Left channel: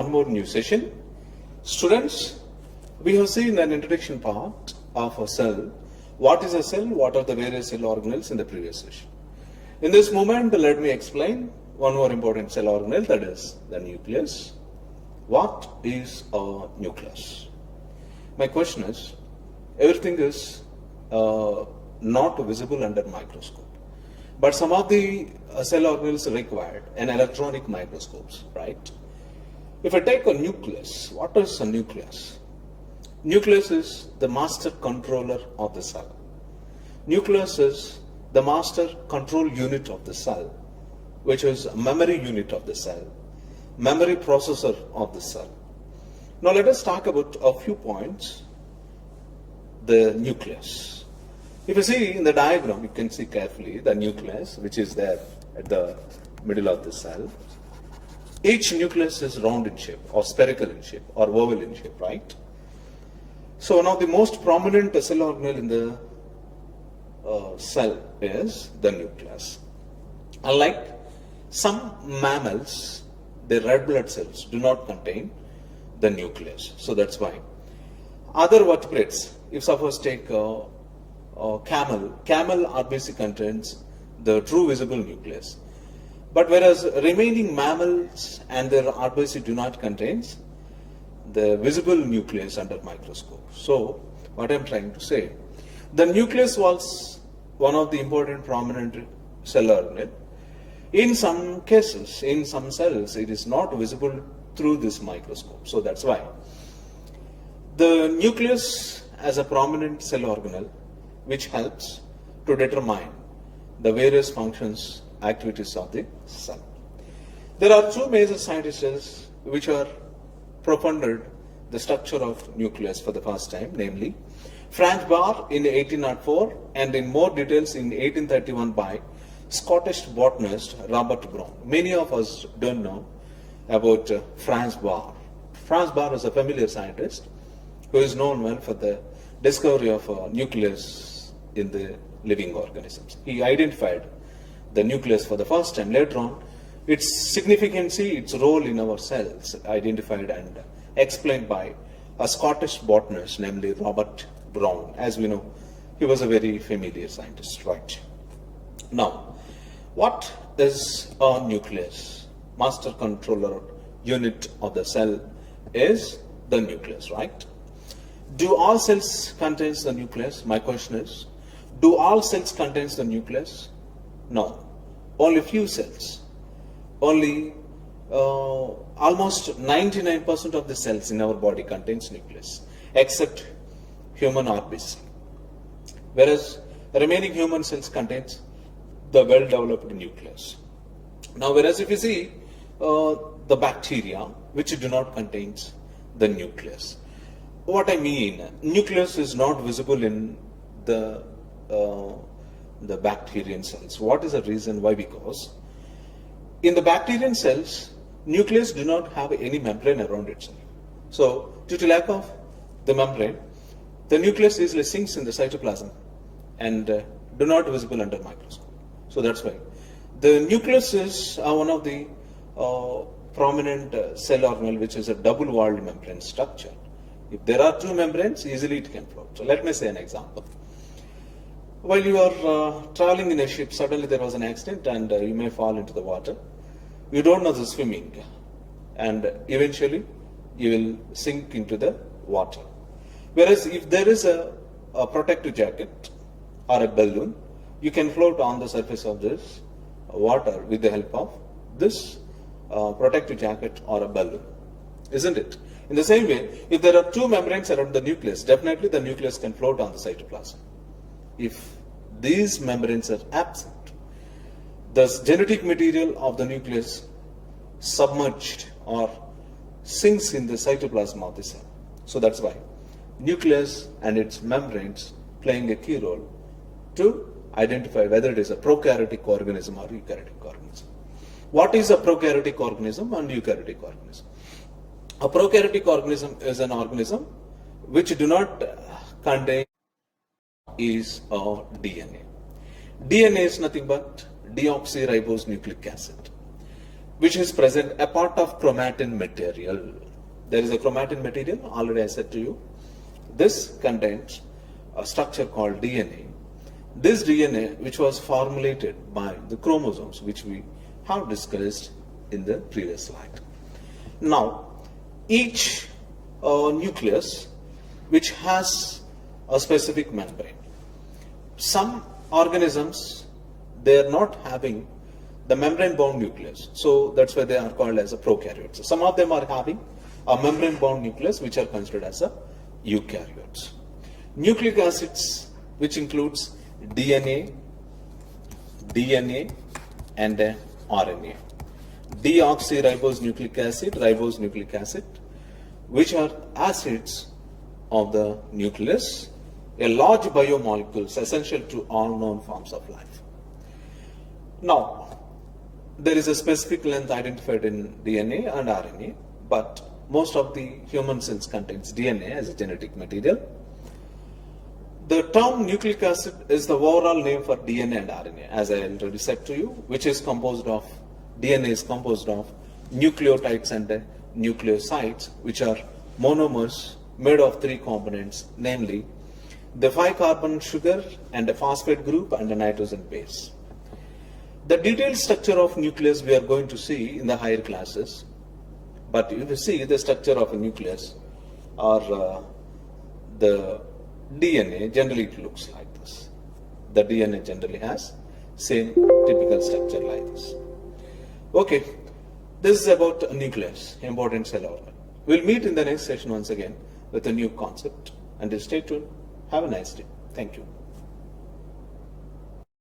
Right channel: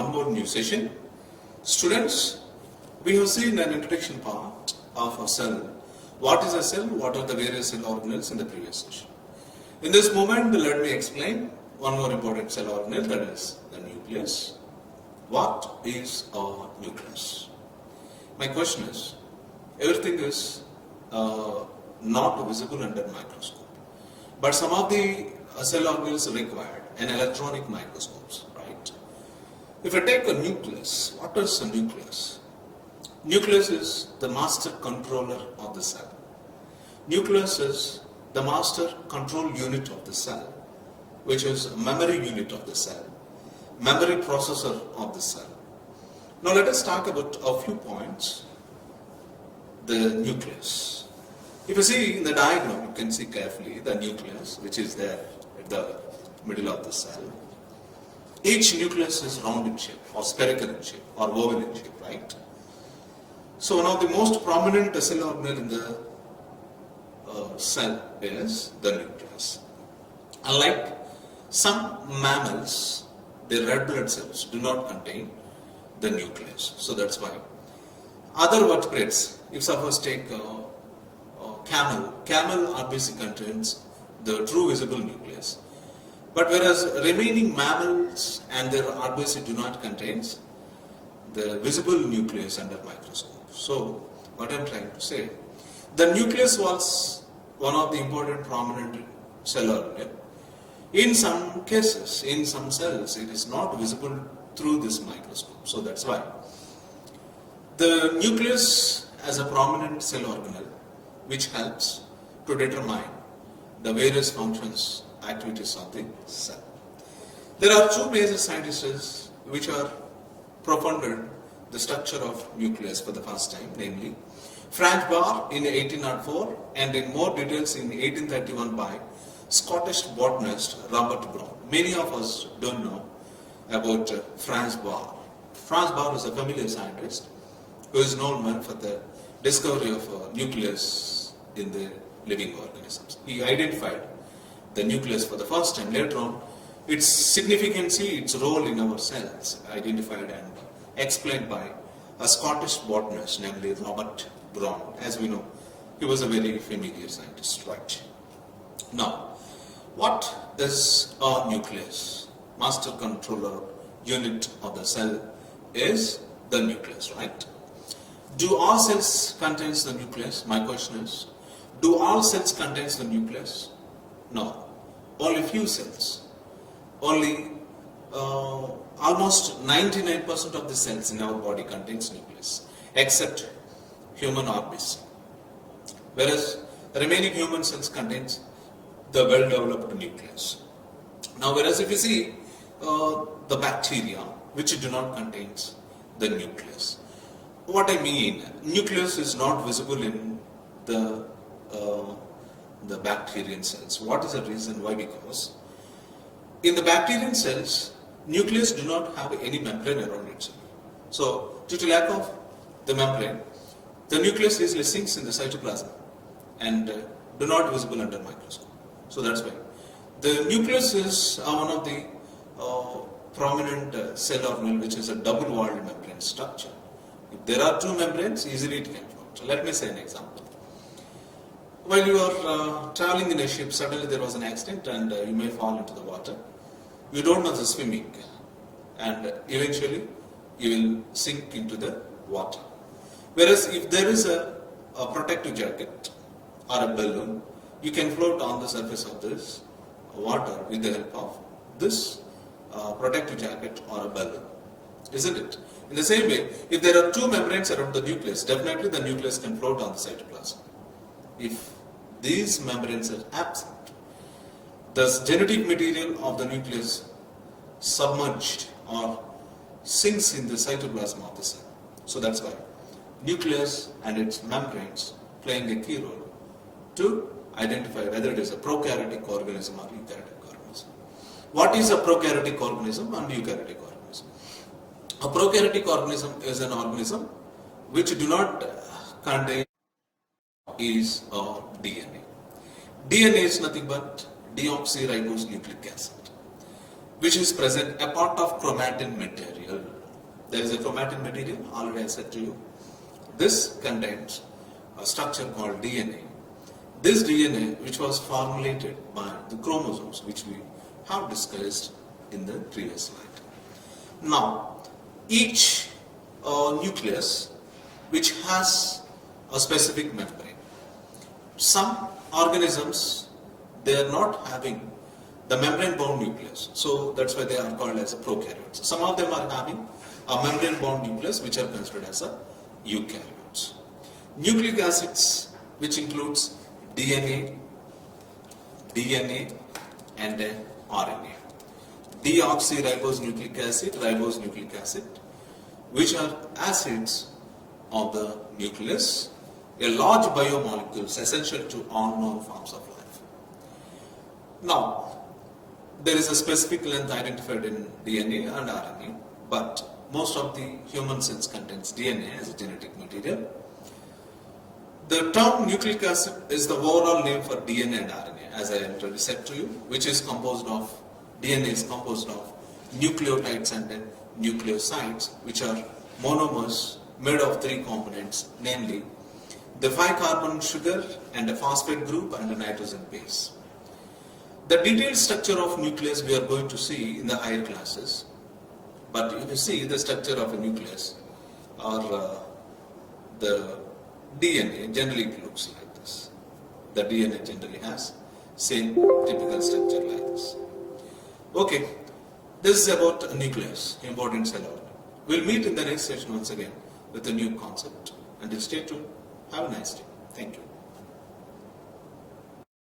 one more new session. Students, we have seen an introduction part of a cell. What is a cell? What are the various cell organelles in the previous session? In this moment, let me explain one more important cell organelle, that is the nucleus. What is a nucleus? My question is, everything is not visible under microscope, but some of the cell organelles required an electronic microscopes, right? If I take a nucleus, what is a nucleus? Nucleus is the master controller of the cell. Nucleus is the master control unit of the cell, which is a memory unit of the cell, memory processor of the cell. Now let us talk about a few points. The nucleus. If you see in the diagram, you can see carefully the nucleus, which is there at the middle of the cell. Each nucleus is round in shape, or spherical in shape, or oval in shape, right? So now the most prominent cell organelle in the cell is the nucleus. Unlike some mammals, their red blood cells do not contain the nucleus. So that's why. Other vertebrates, if suppose take camel RBC contains the true visible nucleus. But whereas remaining mammals and their RBC do not contain the visible nucleus under microscope. So what I am trying to say, the nucleus was one of the important prominent cell organelle. In some cases, in some cells, it is not visible through this microscope. So that's why. The nucleus as a prominent cell organelle which helps to determine the various functions, activities of the cell. There are two major scientists which are profounded the structure of nucleus for the first time, namely Frank Barr in 1804 and in more details in 1831 by Scottish botanist Robert Brown. Many of us don't know about Franz Barr. Franz Barr is a familiar scientist who is known for the discovery of nucleus in the living organisms. He identified the nucleus for the first time. Later on, its significance, its role in our cells, identified and explained by a Scottish botanist, namely Robert Brown. As we know, he was a very familiar scientist, right? Now, what is a nucleus? Master controller unit of the cell is the nucleus, right? Do all cells contain the nucleus? My question is, do all cells contain the nucleus? No. Only few cells. Only almost 99% of the cells in our body contains nucleus, except human RBC. Whereas the remaining human cells contains the well-developed nucleus. Now, whereas if you see the bacteria, which do not contain the nucleus. What I mean, nucleus is not visible in the bacterian cells. What is the reason? Why? Because in the bacterian cells, nucleus do not have any membrane around itself. So, due to lack of the membrane, the nucleus easily sinks in the cytoplasm and do not visible under microscope. So that's why. The nucleus is one of the prominent cell organelle which is a double-walled membrane structure. If there are two membranes, easily it can float. So let me say an example. While you are traveling in a ship, suddenly there was an accident and you may fall into the water. You don't know the swimming and eventually you will sink into the water. Whereas if there is a protective jacket or a balloon, you can float on the surface of this water with the help of this protective jacket or a balloon, isn't it? In the same way, if there are two membranes around the nucleus, definitely the nucleus can float on the cytoplasm. If these membranes are absent, the genetic material of the nucleus submerged or sinks in the cytoplasm of the cell. So that's why nucleus and its membranes playing a key role to identify whether it is a prokaryotic organism or eukaryotic organism. What is a prokaryotic organism and eukaryotic organism? A prokaryotic organism is an organism which do not contain is DNA. DNA is nothing but deoxyribonucleic acid. which is present a part of chromatin material. There is a chromatin material, already I said to you. This contains a structure called DNA. This DNA, which was formulated by the chromosomes, which we have discussed in the previous slide. Now, each nucleus which has a specific membrane. Some organisms, they are not having the membrane-bound nucleus, so that's why they are called as a prokaryotes. Some of them are having a membrane-bound nucleus, which are considered as a eukaryotes. Nucleic acids, which includes DNA and RNA. Deoxyribose nucleic acid, ribose nucleic acid, which are acids of the nucleus, a large biomolecules essential to all known forms of life. Now, there is a specific length identified in DNA and RNA, but most of the human cells contains DNA as a genetic material. The term nucleic acid is the overall name for DNA and RNA, as I already said to you, which is composed of, DNA is composed of nucleotides and nucleosides, which are monomers made of three components, namely the 5-carbon sugar and a phosphate group and a nitrogen base. The detailed structure of nucleus we are going to see in the higher classes, but if you see the structure of a nucleus or the DNA, generally it looks like this. The DNA generally has same typical structure like this. Okay, this is about a nucleus, important cell organ. We'll meet in the next session once again with a new concept. Until stay tuned, have a nice day. Thank you.